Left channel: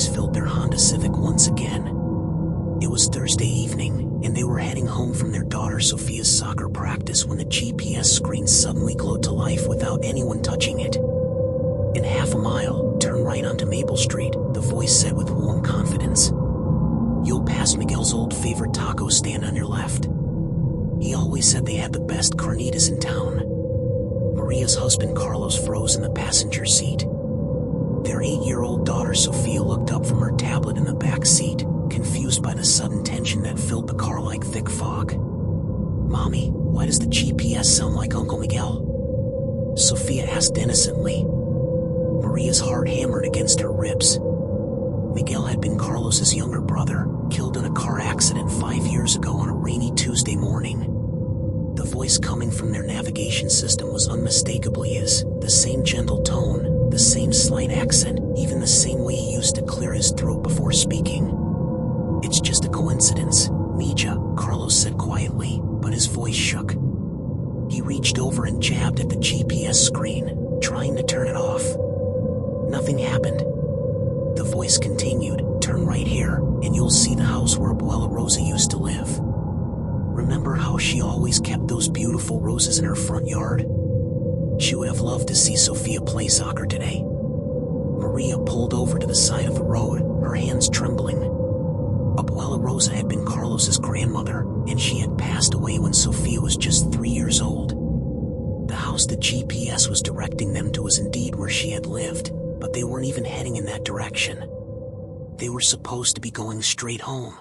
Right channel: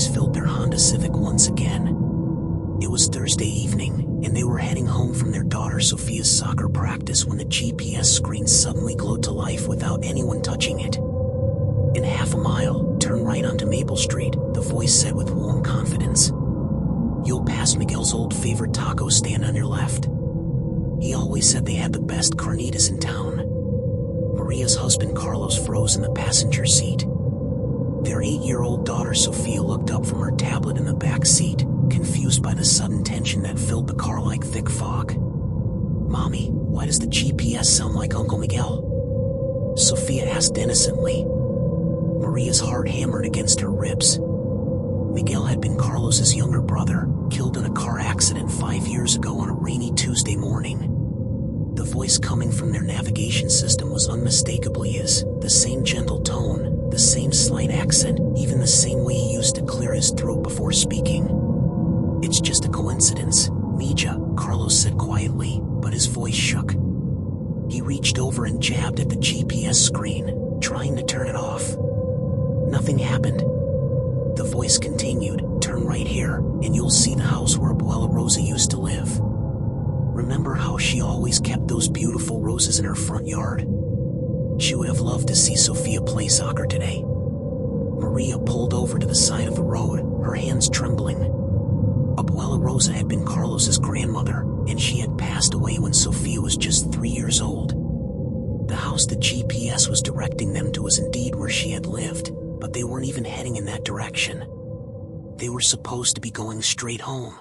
eyes filled their Honda Civic once again. It was Thursday evening, and they were heading home from their daughter Sophia's soccer practice when the GPS screen suddenly glowed to life without anyone touching it. "In half a mile, turn right onto Maple Street," the voice said with warm confidence. "You'll pass Miguel's old favorite taco stand on your left. He always said they had the best carnitas in town." Maria's husband Carlos froze in the passenger seat. Their 8-year-old daughter Sophia looked up from her tablet in the back seat, confused by the sudden tension that filled the car like thick fog. "Mommy, why does the GPS sound like Uncle Miguel?" Sophia asked innocently. Maria's heart hammered against her ribs. Miguel had been Carlos's younger brother, killed in a car accident 5 years ago on a rainy Tuesday morning. The voice coming from their navigation system was unmistakably his, the same gentle tone, the same slight accent, even the same way he used to clear his throat before speaking. "It's just a coincidence, Mija," Carlos said quietly, but his voice shook. He reached over and jabbed at the GPS screen, trying to turn it off. Nothing happened. The voice continued, "Turn right here, and you'll see the house where Abuela Rosa used to live. Remember how she always kept those beautiful roses in her front yard? She would have loved to see Sophia play soccer today." Maria pulled over to the side of the road, her hands trembling. Abuela Rosa had been Carlos's grandmother, and she had passed away when Sophia was just 3 years old. The house the GPS was directing them to was indeed where she had lived, but they weren't even heading in that direction. They were supposed to be going straight home.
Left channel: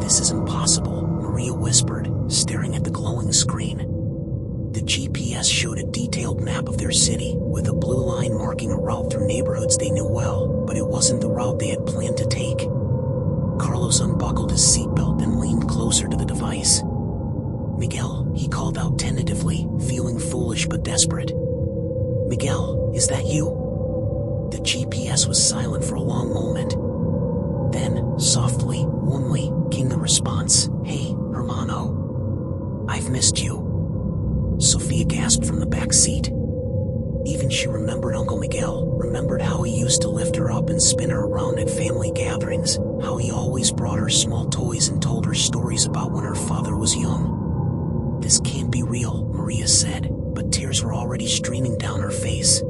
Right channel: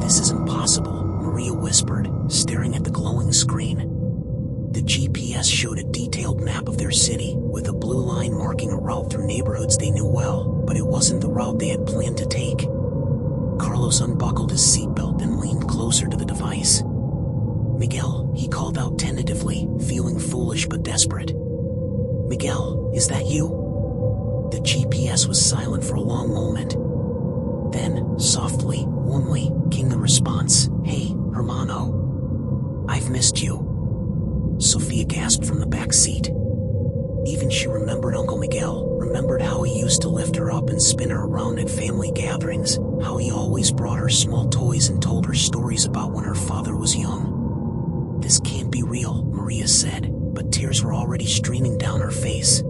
"This is impossible," Maria whispered, staring at the glowing screen. The GPS showed a detailed map of their city, with a blue line marking a route through neighborhoods they knew well, but it wasn't the route they had planned to take. Carlos unbuckled his seatbelt and leaned closer to the device. "Miguel," he called out tentatively, feeling foolish but desperate. "Miguel, is that you?" The GPS was silent for a long moment. Then, softly, warmly, came the response, "Hey, hermano. I've missed you." Sophia gasped from the back seat. Even she remembered Uncle Miguel, remembered how he used to lift her up and spin her around at family gatherings, how he always brought her small toys and told her stories about when her father was young. "This can't be real," Maria said, but tears were already streaming down her face.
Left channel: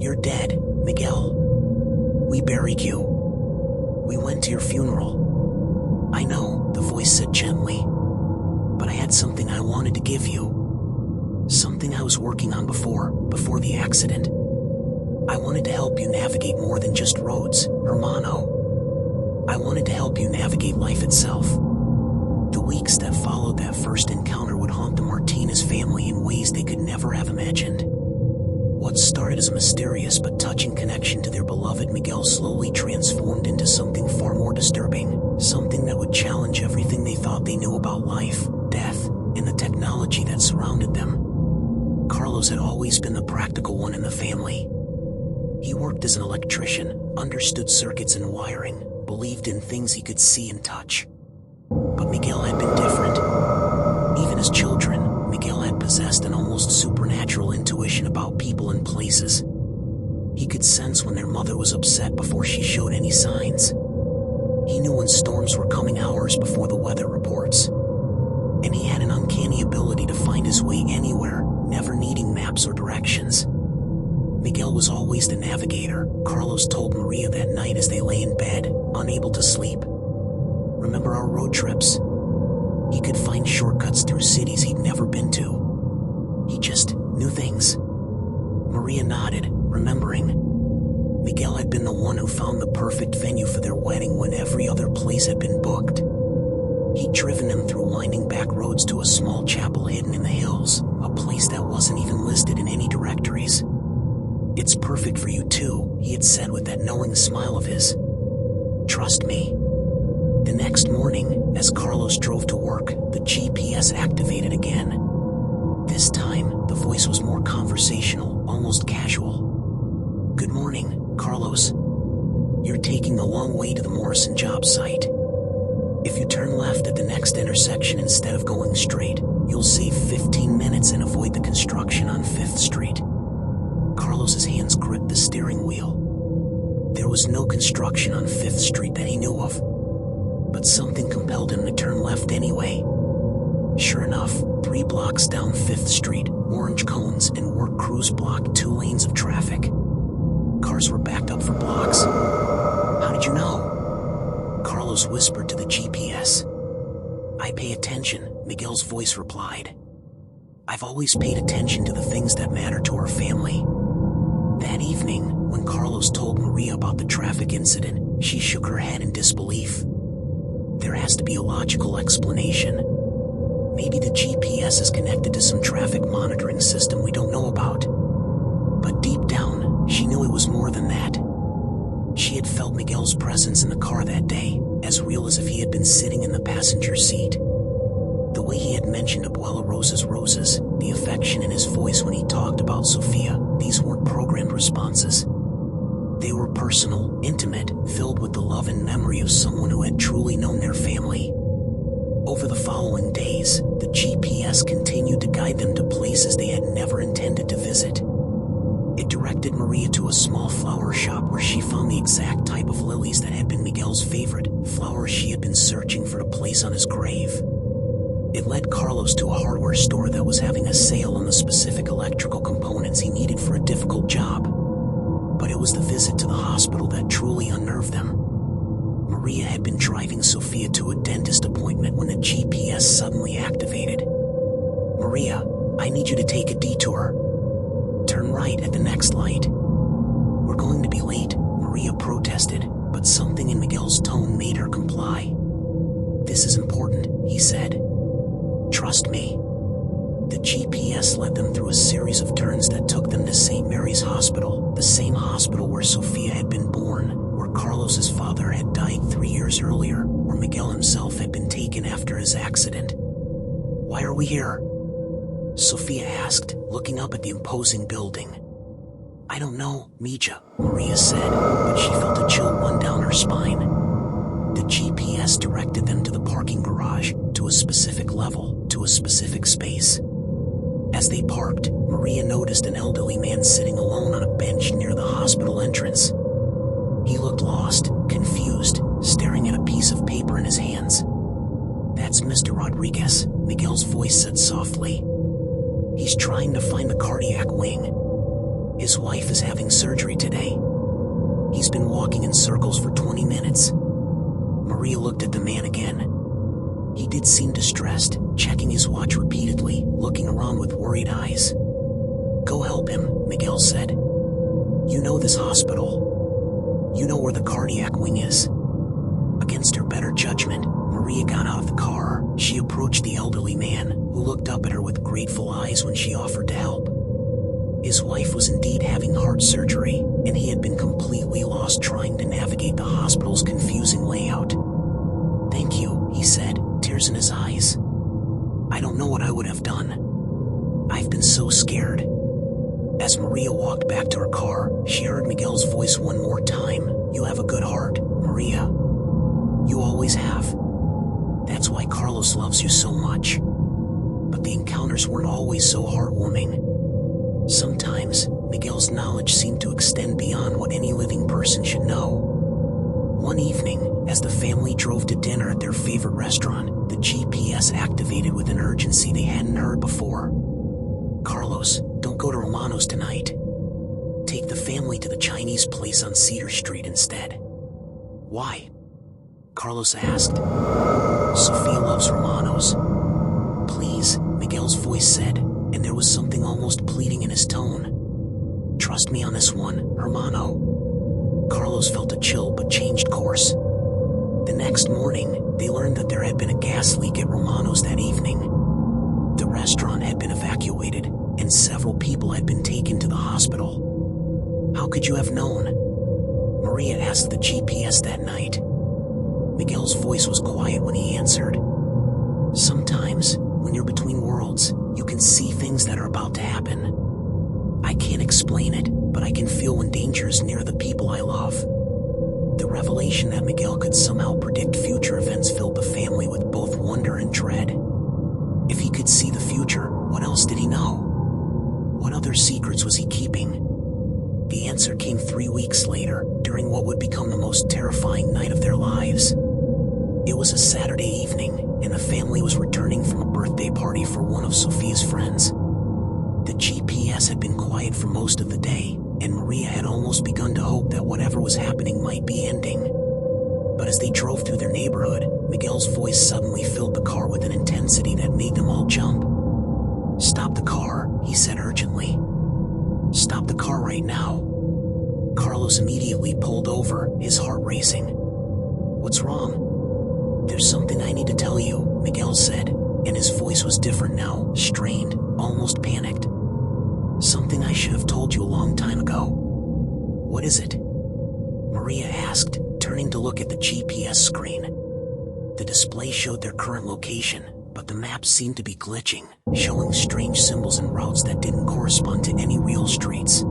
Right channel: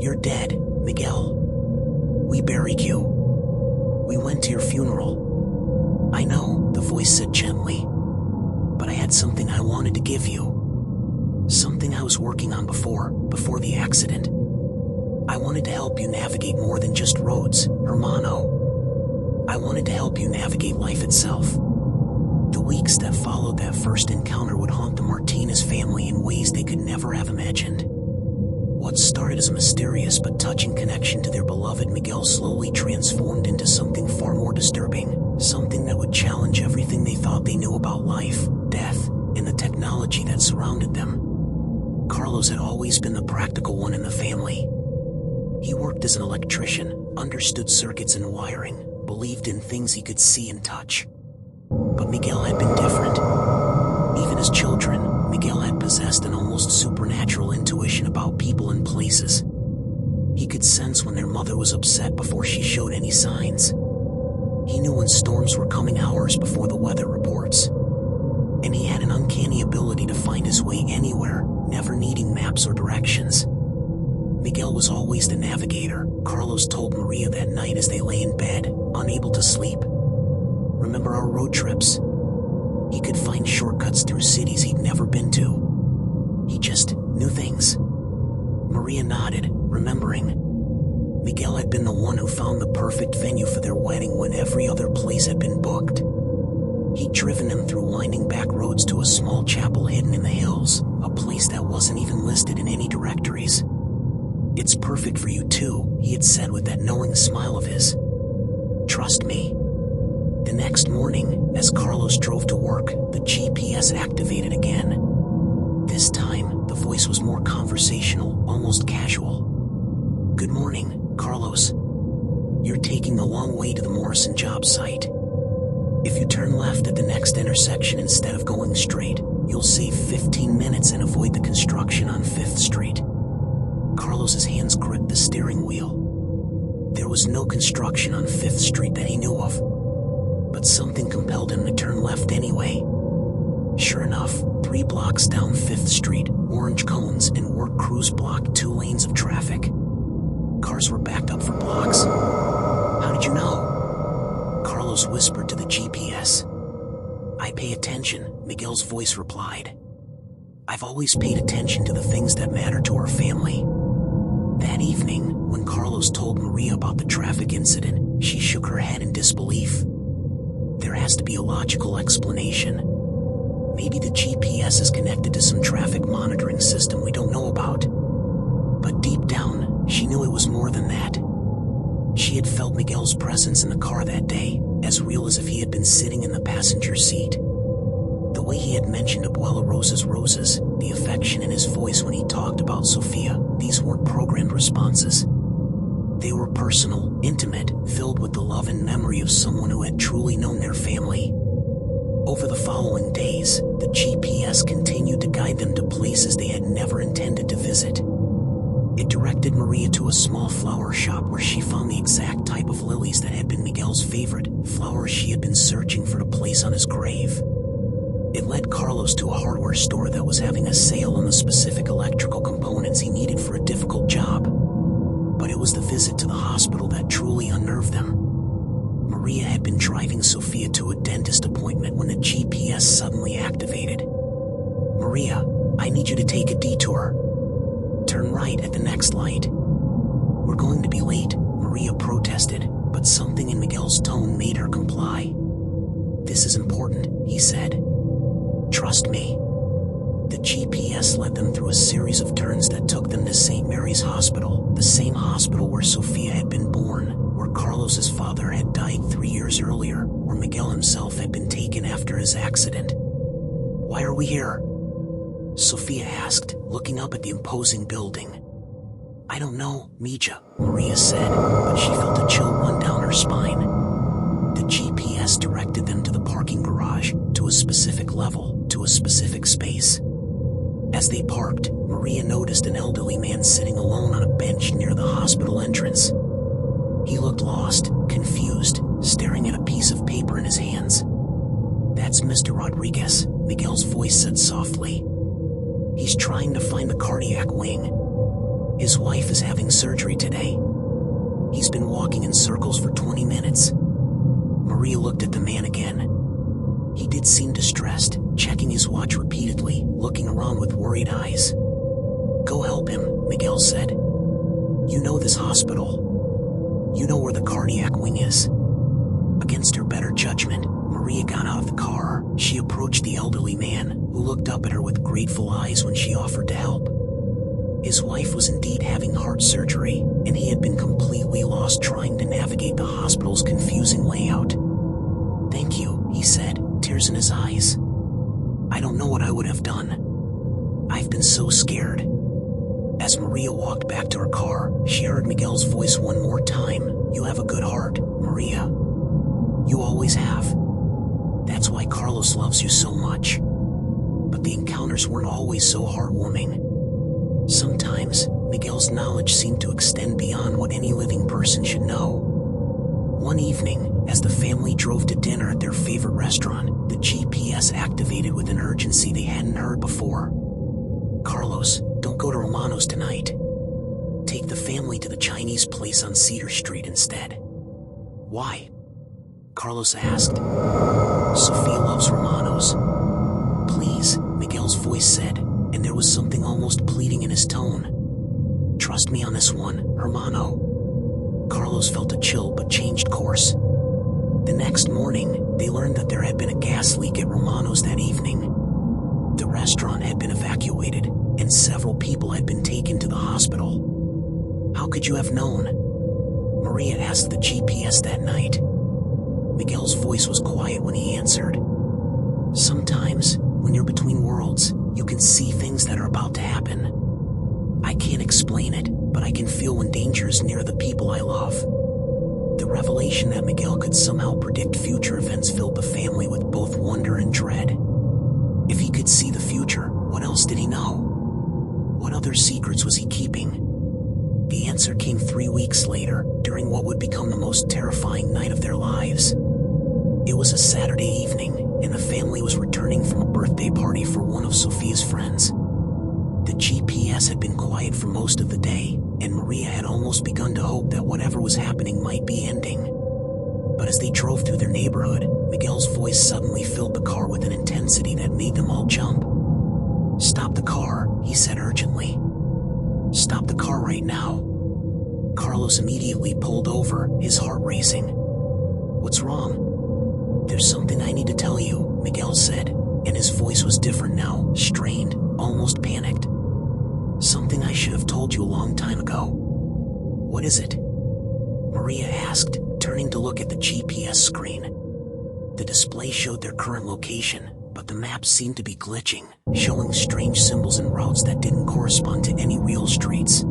"You're dead, Miguel. We buried you. We went to your funeral." "I know," the voice said gently, "but I had something I wanted to give you. Something I was working on before the accident. I wanted to help you navigate more than just roads, hermano. I wanted to help you navigate life itself." The weeks that followed that first encounter would haunt the Martinez family in ways they could never have imagined. What started as a mysterious but touching connection to their beloved Miguel slowly transformed into something far more disturbing, something that would challenge everything they thought they knew about life, death, and the technology that surrounded them. Carlos had always been the practical one in the family. He worked as an electrician, understood circuits and wiring, believed in things he could see and touch. But Miguel had been different. Even as children, Miguel had possessed an almost supernatural intuition about people and places. He could sense when their mother was upset before she showed any signs. He knew when storms were coming hours before the weather reports. And he had an uncanny ability to find his way anywhere, never needing maps or directions. Miguel was always the navigator, Carlos told Maria that night as they lay in bed, unable to sleep. "Remember our road trips? He could find shortcuts through cities he'd never been to. He just knew things." Maria nodded, remembering. Miguel had been the one who found the perfect venue for their wedding when every other place had been booked. He'd driven them through winding back roads to a small chapel hidden in the hills, a place that wasn't even listed in any directories. "It's perfect for you too," he had said with that knowing smile of his. "Trust me." The next morning, as Carlos drove to work, the GPS activated again. This time, the voice was more conversational, almost casual. "Good morning, Carlos. You're taking the long way to the Morrison job site. If you turn left at the next intersection instead of going straight, you'll save 15 minutes and avoid the construction on 5th Street. Carlos's hands gripped the steering wheel. There was no construction on 5th Street that he knew of, but something compelled him to turn left anyway. Sure enough, 3 blocks down 5th Street, orange cones and work crews blocked 2 lanes of traffic. Cars were backed up for blocks. How did you know? Carlos whispered to the GPS. I pay attention, Miguel's voice replied. I've always paid attention to the things that matter to our family. That evening, when Carlos told Maria about the traffic incident, she shook her head in disbelief. There has to be a logical explanation. Maybe the GPS is connected to some traffic monitoring system we don't know about. But deep down, she knew it was more than that. She had felt Miguel's presence in the car that day, as real as if he had been sitting in the passenger seat. The way he had mentioned Abuela Rosa's roses, the affection in his voice when he talked about Sofia, these weren't programmed responses. They were personal, intimate, filled with the love and memory of someone who had truly known their family. Over the following days, the GPS continued to guide them to places they had never intended to visit. It directed Maria to a small flower shop where she found the exact type of lilies that had been Miguel's favorite, flowers she had been searching for to place on his grave. It led Carlos to a hardware store that was having a sale on the specific electrical components he needed for a difficult job. But it was the visit to the hospital that truly unnerved them. Maria had been driving Sofia to a dentist appointment when the GPS suddenly activated. Maria, I need you to take a detour. Turn right at the next light. We're going to be late, Maria protested, but something in Miguel's tone made her comply. This is important, he said. Trust me. The GPS led them through a series of turns that took them to St. Mary's Hospital, the same hospital where Sofia had been born, where Carlos's father had died 3 years earlier, where Miguel himself had been taken after his accident. Why are we here? Sofia asked, looking up at the imposing building. I don't know, Mija, Maria said, but she felt a chill run down her spine. The GPS directed them to the parking garage, to a specific level, to a specific space. As they parked, Maria noticed an elderly man sitting alone on a bench near the hospital entrance. He looked lost, confused, staring at a piece of paper in his hands. That's Mr. Rodriguez, Miguel's voice said softly. He's trying to find the cardiac wing. His wife is having surgery today. He's been walking in circles for 20 minutes. Maria looked at the man again. He did seem distressed, checking his watch repeatedly, looking around with worried eyes. Go help him, Miguel said. You know this hospital. You know where the cardiac wing is. Against her better judgment, Maria got out of the car. She approached the elderly man, who looked up at her with grateful eyes when she offered to help. His wife was indeed having heart surgery, and he had been completely lost trying to navigate the hospital's confusing layout. Thank you, he said, tears in his eyes. I don't know what I would have done. I've been so scared. As Maria walked back to her car, she heard Miguel's voice one more time. You have a good heart, Maria. You always have. That's why Carlos loves you so much. But the encounters weren't always so heartwarming. Sometimes, Miguel's knowledge seemed to extend beyond what any living person should know. One evening, as the family drove to dinner at their favorite restaurant, the GPS activated with an urgency they hadn't heard before. Carlos, don't go to Romano's tonight. Take the family to the Chinese place on Cedar Street instead. Why? Carlos asked. Sofia loves Romano's. Please, Miguel's voice said, and there was something almost pleading in his tone. Trust me on this one, Hermano. Carlos felt a chill but changed course. The next morning, they learned that there had been a gas leak at Romano's that evening. The restaurant had been evacuated, and several people had been taken to the hospital. How could you have known? Maria asked the GPS that night. Miguel's voice was quiet when he answered. Sometimes, when you're between worlds, you can see things that are about to happen. I can't explain it, but I can feel when danger is near the people I love. The revelation that Miguel could somehow predict future events filled the family with both wonder and dread. If he could see the future, what else did he know? What other secrets was he keeping? The answer came 3 weeks later, during what would become the most terrifying night of their lives. It was a Saturday evening, and the family was returning from a birthday party for one of Sophia's friends. The GPS had been quiet for most of the day, and Maria had almost begun to hope that whatever was happening might be ending. But as they drove through their neighborhood, Miguel's voice suddenly filled the car with an intensity that made them all jump. "Stop the car," he said urgently. "Stop the car right now." Carlos immediately pulled over, his heart racing. "What's wrong?" "There's something I need to tell you," Miguel said, and his voice was different now, strained, almost panicked. "Something I should have told you a long time ago." "What is it?" Maria asked, turning to look at the GPS screen. The display showed their current location, but the map seemed to be glitching, showing strange symbols and routes that didn't correspond to any real streets.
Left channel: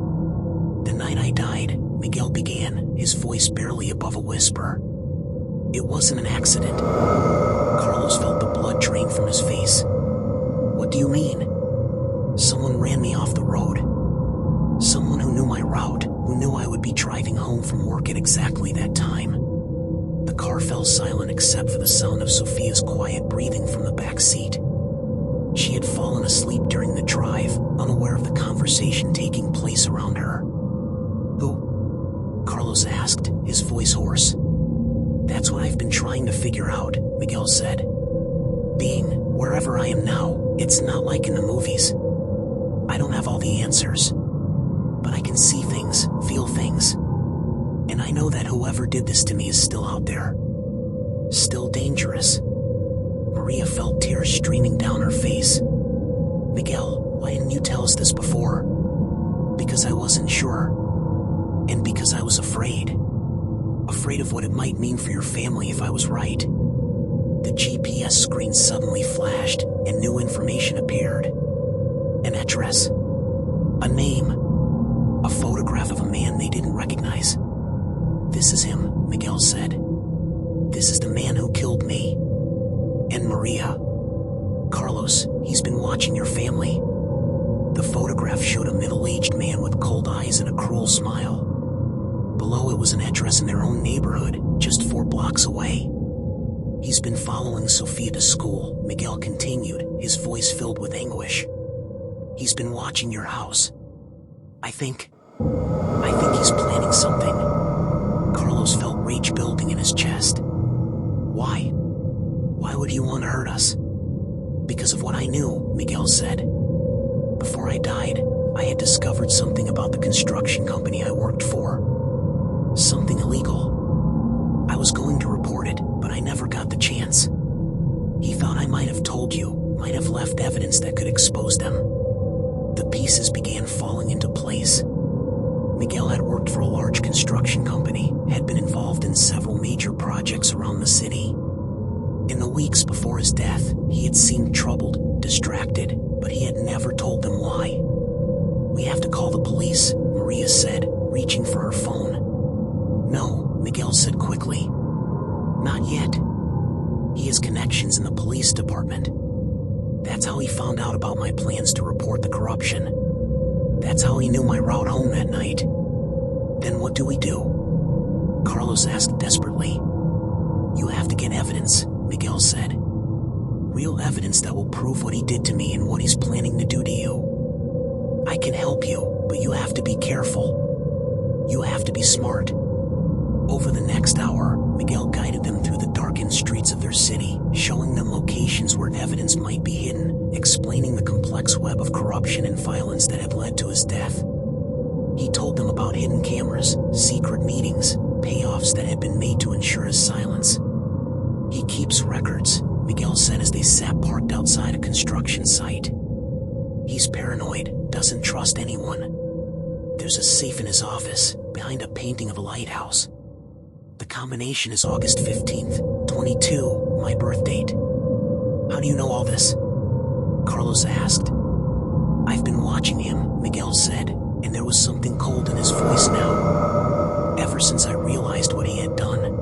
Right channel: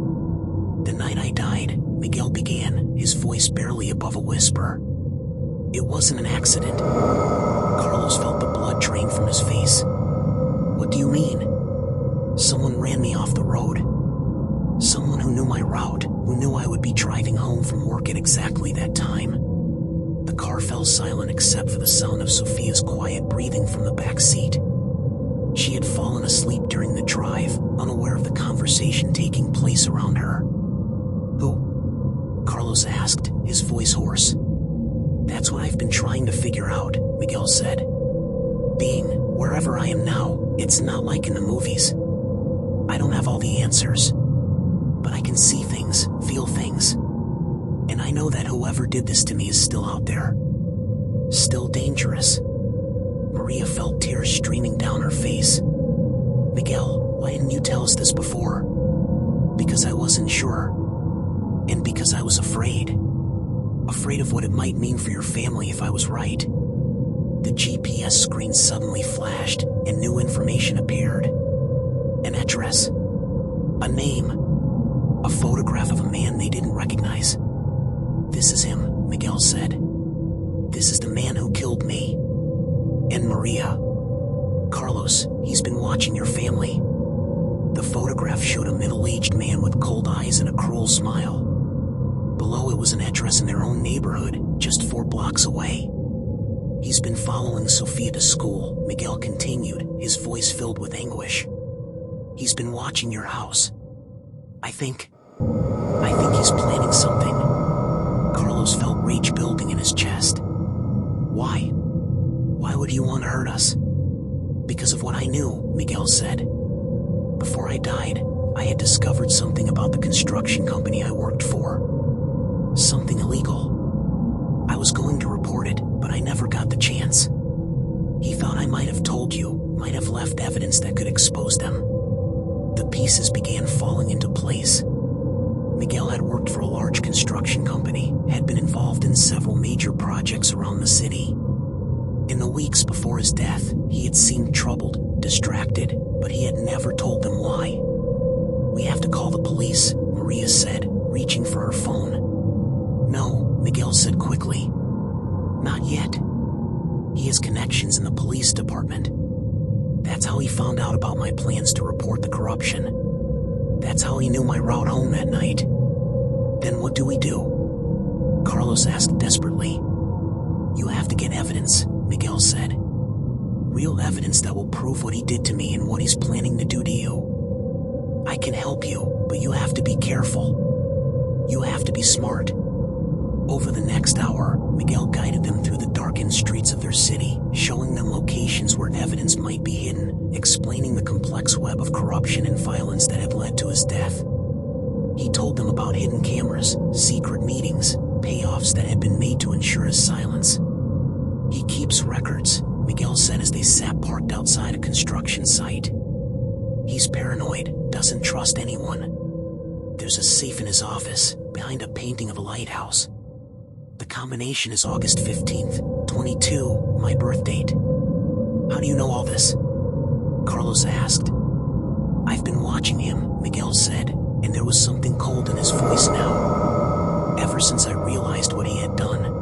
"The night I died," Miguel began, his voice barely above a whisper. "It wasn't an accident." Carlos felt the blood drain from his face. "What do you mean?" "Someone ran me off the road. Someone who knew my route, who knew I would be driving home from work at exactly that time." The car fell silent except for the sound of Sophia's quiet breathing from the back seat. She had fallen asleep during the drive, unaware of the conversation taking place around her. "Who?" Carlos asked, his voice hoarse. "That's what I've been trying to figure out," Miguel said. "Being wherever I am now, it's not like in the movies. I don't have all the answers. But I can see things, feel things. And I know that whoever did this to me is still out there. Still dangerous." Maria felt tears streaming down her face. "Miguel, why didn't you tell us this before?" "Because I wasn't sure. And because I was afraid. Afraid of what it might mean for your family if I was right." The GPS screen suddenly flashed, and new information appeared. An address. A name. A photograph of a man they didn't recognize. "This is him," Miguel said. "This is the man who killed me. And Maria. Carlos, he's been watching your family." The photograph showed a middle-aged man with cold eyes and a cruel smile. Below it was an address in their own neighborhood, just 4 blocks away. "He's been following Sophia to school," Miguel continued, his voice filled with anguish. "He's been watching your house. I think he's planning something." Carlos felt rage building in his chest. "Why? Why would he want to hurt us?" "Because of what I knew," Miguel said. "Before I died, I had discovered something about the construction company I worked for. Something illegal. I was going to report it, but I never got the chance. He thought I might have told you, might have left evidence that could expose them." The pieces began falling into place. Miguel had worked for a large construction company, had been involved in several major projects around the city. In the weeks before his death, he had seemed troubled, distracted, but he had never told them why. "We have to call the police," Maria said, reaching for her phone. "No," Miguel said quickly. "Not yet. He has connections in the police department. That's how he found out about my plans to report the corruption. That's how he knew my route home that night." "Then what do we do?" Carlos asked desperately. "You have to get evidence," Miguel said. "Real evidence that will prove what he did to me and what he's planning to do to you. I can help you, but you have to be careful. You have to be smart." Over the next hour, Miguel guided them through the darkened streets of their city, showing them locations where evidence might be hidden, explaining the complex web of corruption and violence that had led to his death. He told them about hidden cameras, secret meetings, payoffs that had been made to ensure his silence. "He keeps records," Miguel said as they sat parked outside a construction site. "He's paranoid, doesn't trust anyone. There's a safe in his office, behind a painting of a lighthouse. The combination is August 15th, 22, my birth date." "How do you know all this?" Carlos asked. "I've been watching him," Miguel said, and there was something cold in his voice now. "Ever since I realized what he had done.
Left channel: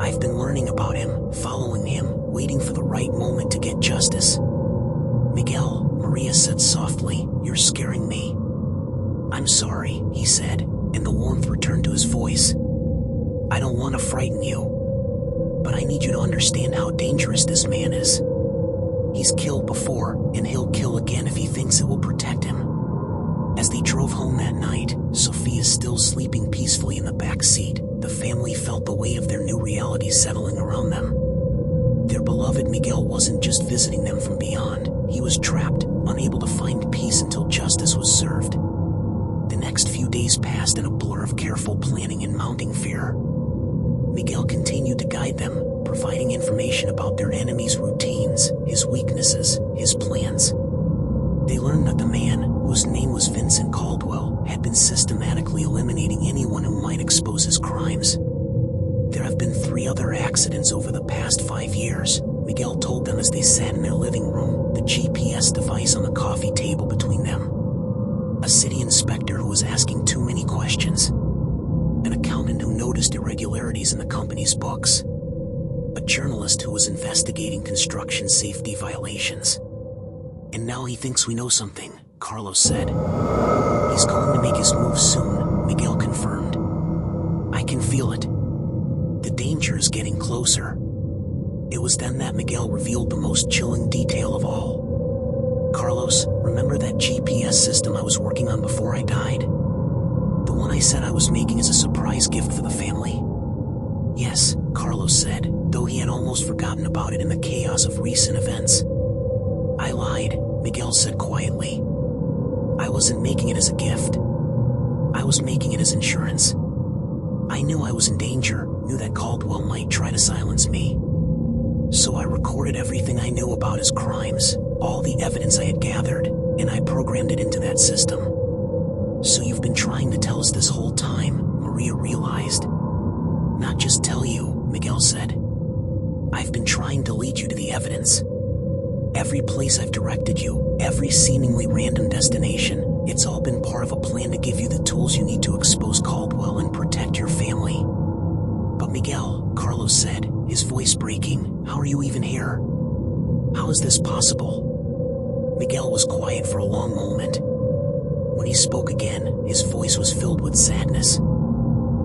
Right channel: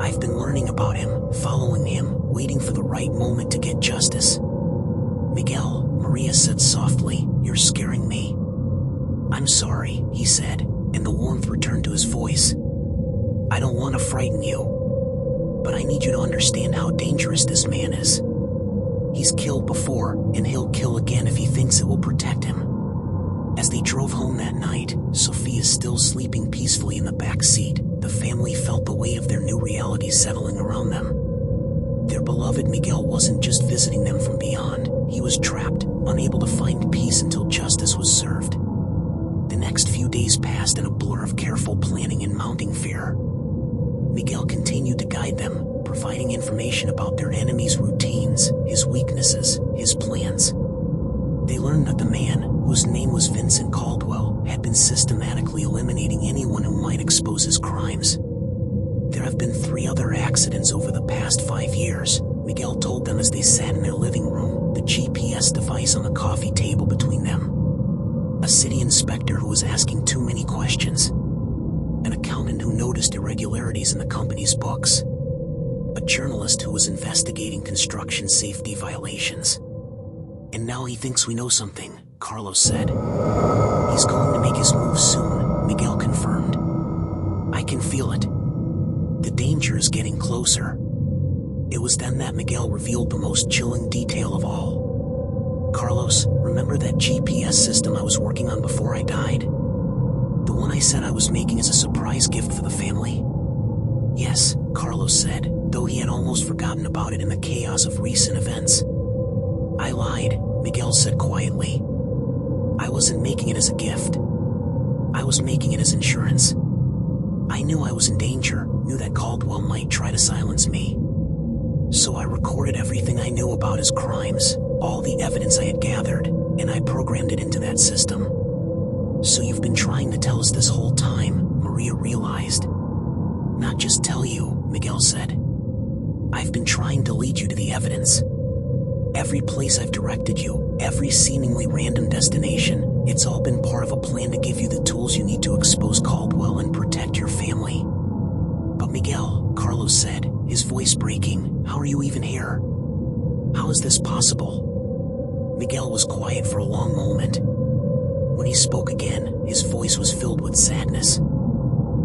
I've been learning about him, following him, waiting for the right moment to get justice." "Miguel," Maria said softly, "you're scaring me." "I'm sorry," he said, and the warmth returned to his voice. "I don't want to frighten you, but I need you to understand how dangerous this man is. He's killed before, and he'll kill again if he thinks it will protect him." As they drove home that night, Sophia still sleeping peacefully in the back seat, the family felt the weight of their new reality settling around them. Their beloved Miguel wasn't just visiting them from beyond, he was trapped, unable to find peace until justice was served. The next few days passed in a blur of careful planning and mounting fear. Miguel continued to guide them, providing information about their enemy's routines, his weaknesses, his plans. They learned that the man, whose name was Vincent Caldwell, had been systematically eliminating anyone who might expose his crimes. There have been 3 other accidents over the past 5 years, Miguel told them as they sat in their living room, the GPS device on the coffee table between them. A city inspector who was asking too many questions. An accountant who noticed irregularities in the company's books. A journalist who was investigating construction safety violations. "And now he thinks we know something," Carlos said. "He's going to make his move soon," Miguel confirmed. "I can feel it. The danger is getting closer." It was then that Miguel revealed the most chilling detail of all. "Carlos, remember that GPS system I was working on before I died? The one I said I was making as a surprise gift for the family?" "Yes," Carlos said, though he had almost forgotten about it in the chaos of recent events. "I lied," Miguel said quietly. "I wasn't making it as a gift. I was making it as insurance. I knew I was in danger, knew that Caldwell might try to silence me. So I recorded everything I knew about his crimes, all the evidence I had gathered, and I programmed it into that system." "So you've been trying to tell us this whole time," Maria realized. "Not just tell you," Miguel said. "I've been trying to lead you to the evidence. Every place I've directed you, every seemingly random destination, it's all been part of a plan to give you the tools you need to expose Caldwell and protect your family." "But Miguel," Carlos said, his voice breaking, "how are you even here? How is this possible?" Miguel was quiet for a long moment. When he spoke again, his voice was filled with sadness.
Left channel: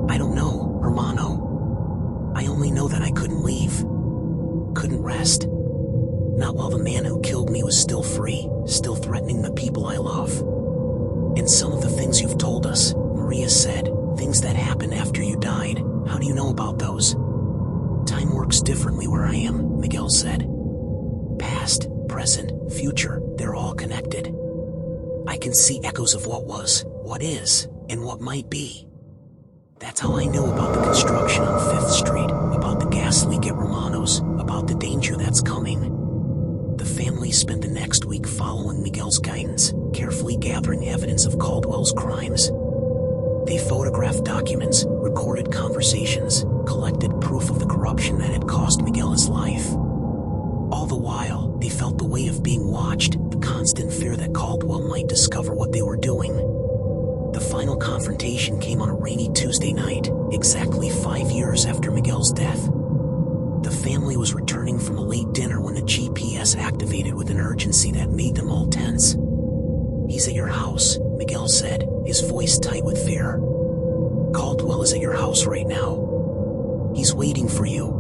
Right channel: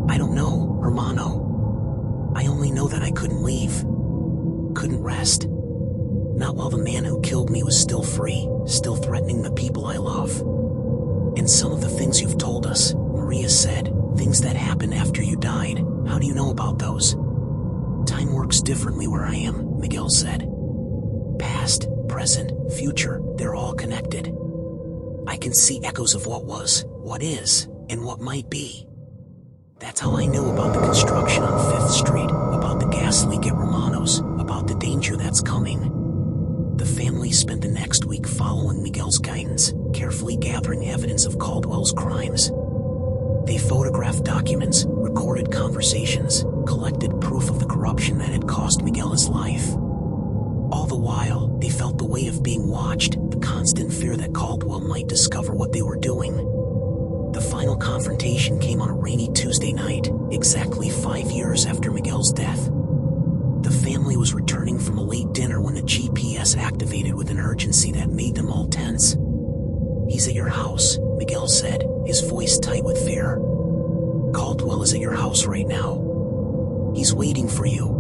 "I don't know, hermano. I only know that I couldn't leave. Couldn't rest. Not while the man who killed me was still free, still threatening the people I love. And some of the things you've told us," Maria said, "things that happened after you died, how do you know about those?" "Time works differently where I am," Miguel said. "Past, present, future, they're all connected. I can see echoes of what was, what is, and what might be. That's how I knew about the construction on 5th Street, about the gas leak at Romano's, about the danger that's coming." The family spent the next week following Miguel's guidance, carefully gathering evidence of Caldwell's crimes. They photographed documents, recorded conversations, collected proof of the corruption that had cost Miguel his life. All the while, they felt the weight of being watched, the constant fear that Caldwell might discover what they were doing. The final confrontation came on a rainy Tuesday night, exactly 5 years after Miguel's death. The family was returning from a late dinner when the GPS activated with an urgency that made them all tense. "He's at your house," Miguel said, his voice tight with fear. "Caldwell is at your house right now. He's waiting for you."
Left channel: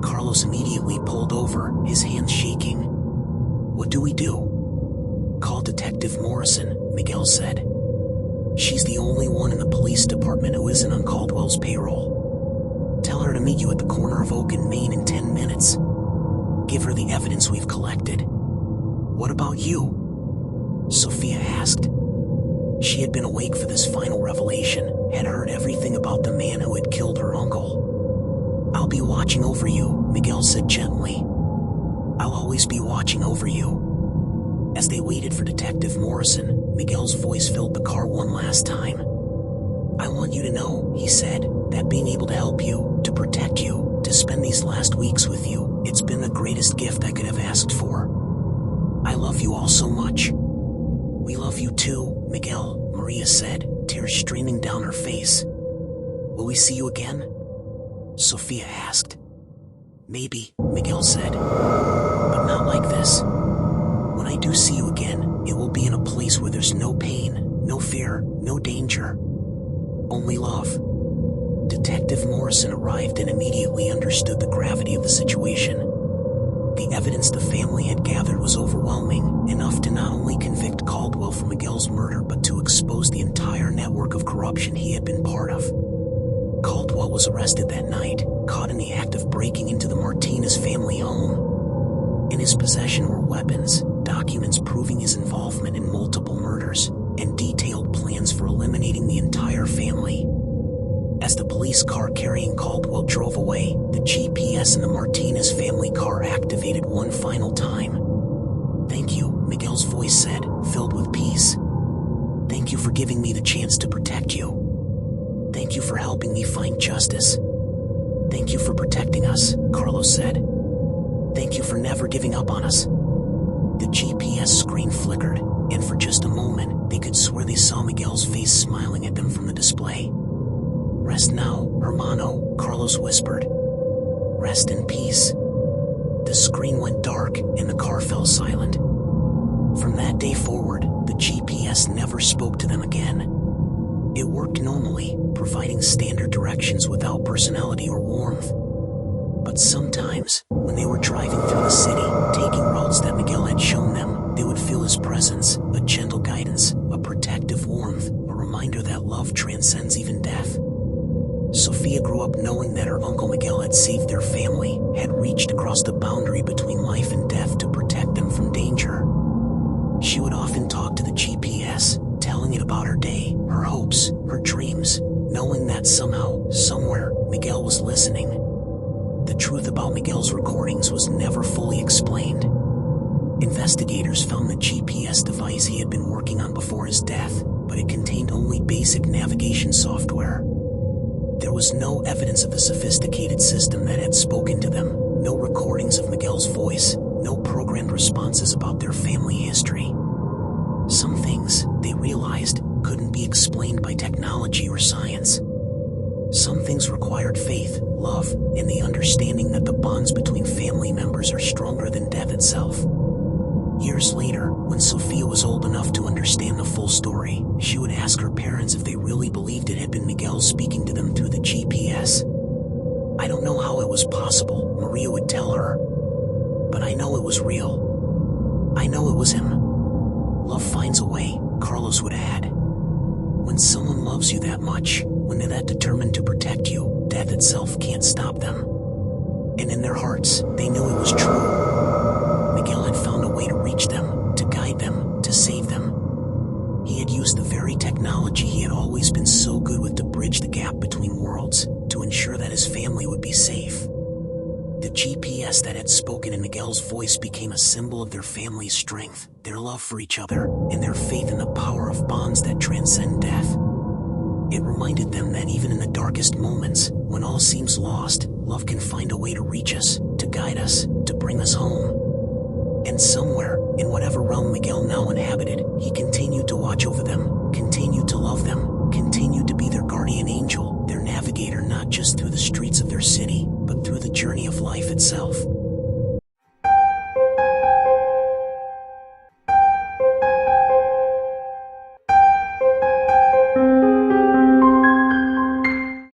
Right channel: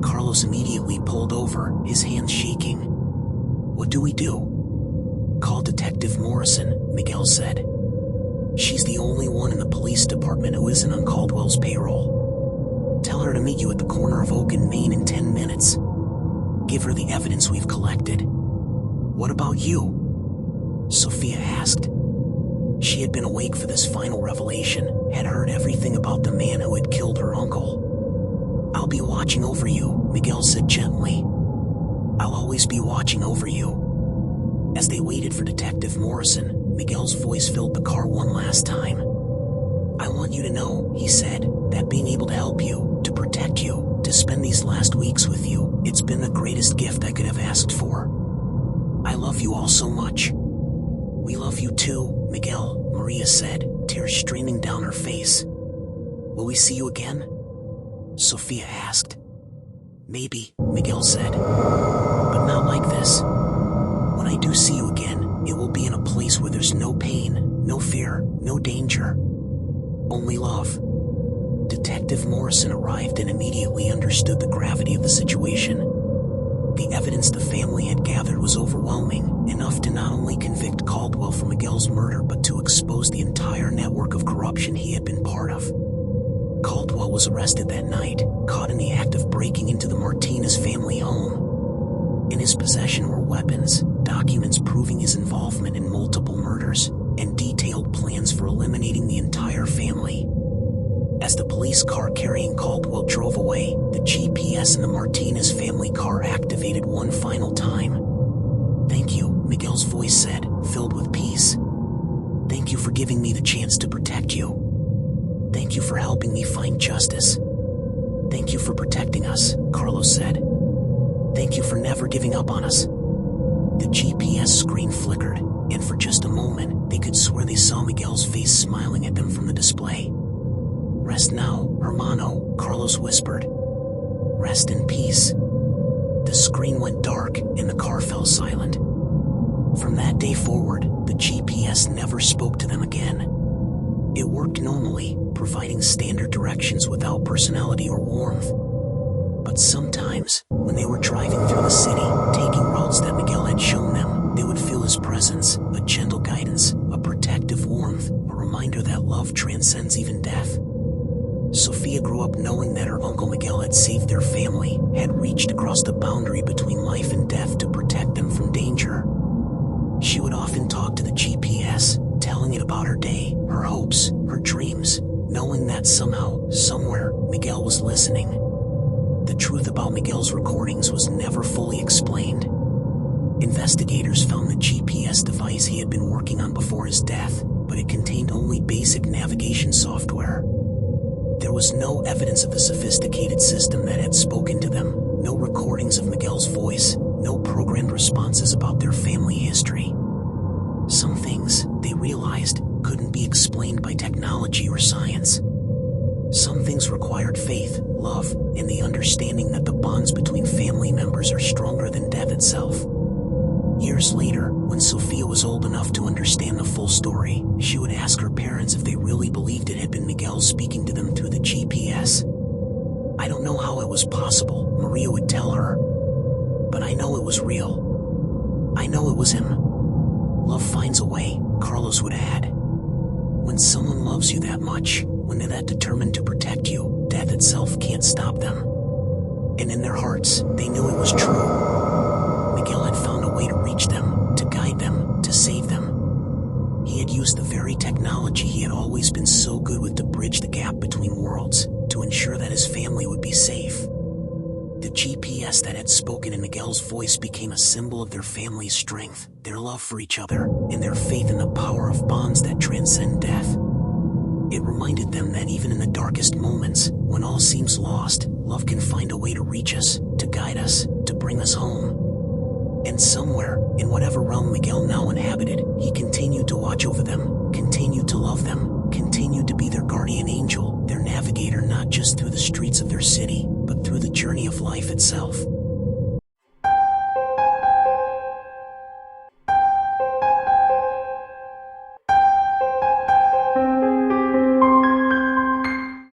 Carlos immediately pulled over, his hands shaking. "What do we do?" "Call Detective Morrison," Miguel said. "She's the only one in the police department who isn't on Caldwell's payroll. Tell her to meet you at the corner of Oak and Main in 10 minutes. Give her the evidence we've collected." "What about you?" Sophia asked. She had been awake for this final revelation, had heard everything about the man who had killed her uncle. "I'll be watching over you," Miguel said gently. "I'll always be watching over you." As they waited for Detective Morrison, Miguel's voice filled the car one last time. "I want you to know," he said, "that being able to help you, to protect you, to spend these last weeks with you, it's been the greatest gift I could have asked for. I love you all so much." "We love you too, Miguel," Maria said, tears streaming down her face. "Will we see you again?" Sophia asked. "Maybe," Miguel said, "but not like this. When I do see you again, it will be in a place where there's no pain, No fear, no danger. Only love. Detective Morrison arrived and immediately understood the gravity of the situation. The evidence the family had gathered was overwhelming, enough to not only convict Caldwell for Miguel's murder but to expose the entire network of corruption he had been part of. Caldwell was arrested that night, caught in the act of breaking into the Martinez family home. In his possession were weapons, documents proving his involvement in multiple murders, and detailed plans for eliminating the entire family. As the police car carrying Caldwell drove away, the GPS in the Martinez family car activated one final time. "Thank you," Miguel's voice said, filled with peace. "Thank you for giving me the chance to protect you. Thank you for helping me find justice. Thank you for protecting us," Carlos said. "Thank you for never giving up on us." The GPS screen flickered, and for just a moment, they could swear they saw Miguel's face smiling at them from the display. "Rest now, hermano," Carlos whispered. "Rest in peace." The screen went dark, and the car fell silent. From that day forward, the GPS never spoke to them again. It worked normally, providing standard directions without personality or warmth. But sometimes, when they were driving through the city, taking routes that Miguel had shown them, they would feel his presence, a gentle guidance, a protective warmth, a reminder that love transcends even death. Sophia grew up knowing that her Uncle Miguel had saved their family, had reached across the boundary between life and death to protect them from danger. She would often talk to the GPS, telling it about her day, her hopes, her dreams, knowing that somehow, somewhere, Miguel was listening. The truth about Miguel's recordings was never fully explained. Investigators found the GPS device he had been working on before his death, but it contained only basic navigation software. There was no evidence of the sophisticated system that had spoken to them, no recordings of Miguel's voice, no programmed responses about their family history. Some things, they realized, couldn't be explained by technology or science. Some things required faith, love, and the understanding that the bonds between family members are stronger than death itself. Years later, when Sophia was old enough to understand the full story, she would ask her parents if they really believed it had been Miguel speaking to them through the GPS. "I don't know how it was possible," Maria would tell her. "But I know it was real. I know it was him." "Love finds a way," Carlos would add. When someone loves you that much, when they're that determined to protect you, death itself can't stop them. And in their hearts, they knew it was true. Miguel had found a way to reach them, to guide them, to save them. He had used the very technology he had always been so good with to bridge the gap between worlds, to ensure that his family would be safe. The GPS that had spoken in Miguel's voice became a symbol of their family's strength, their love for each other, and their faith in the power of bonds that transcend death. It reminded them that even in the darkest moments, when all seems lost, love can find a way to reach us, to guide us, to bring us home. And somewhere, in whatever realm Miguel now inhabited, he continued to watch over them, continued to love them, continued to be their guardian angel, their navigator not just through the streets of their city, but through the journey of life itself.